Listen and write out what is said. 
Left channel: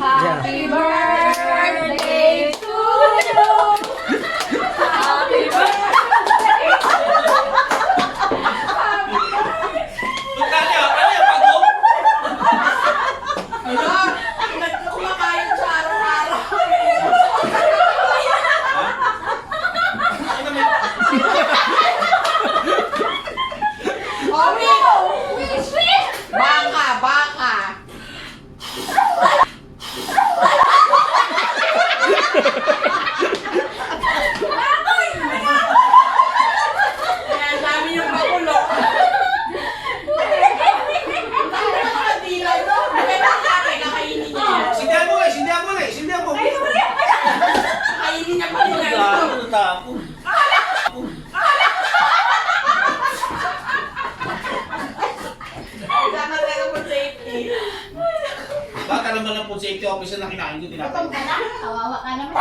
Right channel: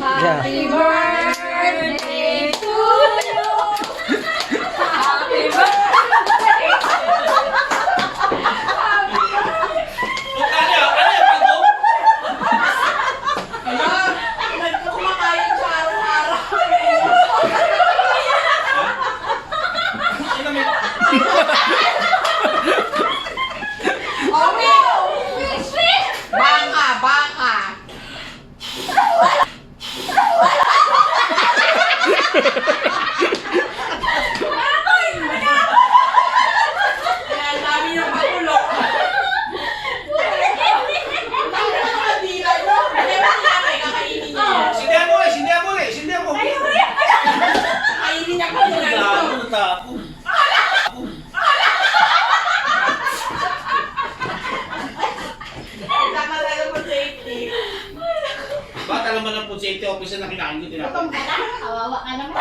Happy birthday to you. Happy birthday to Kumakain siya araw-araw. Baka. Kaya sabi yung magulo. Sindihan mo. Kainin niya pa rin ito. Tama talaga po safety. Bata naman ang food safety officer na kinain ko tinapos. Kawawa ka naman.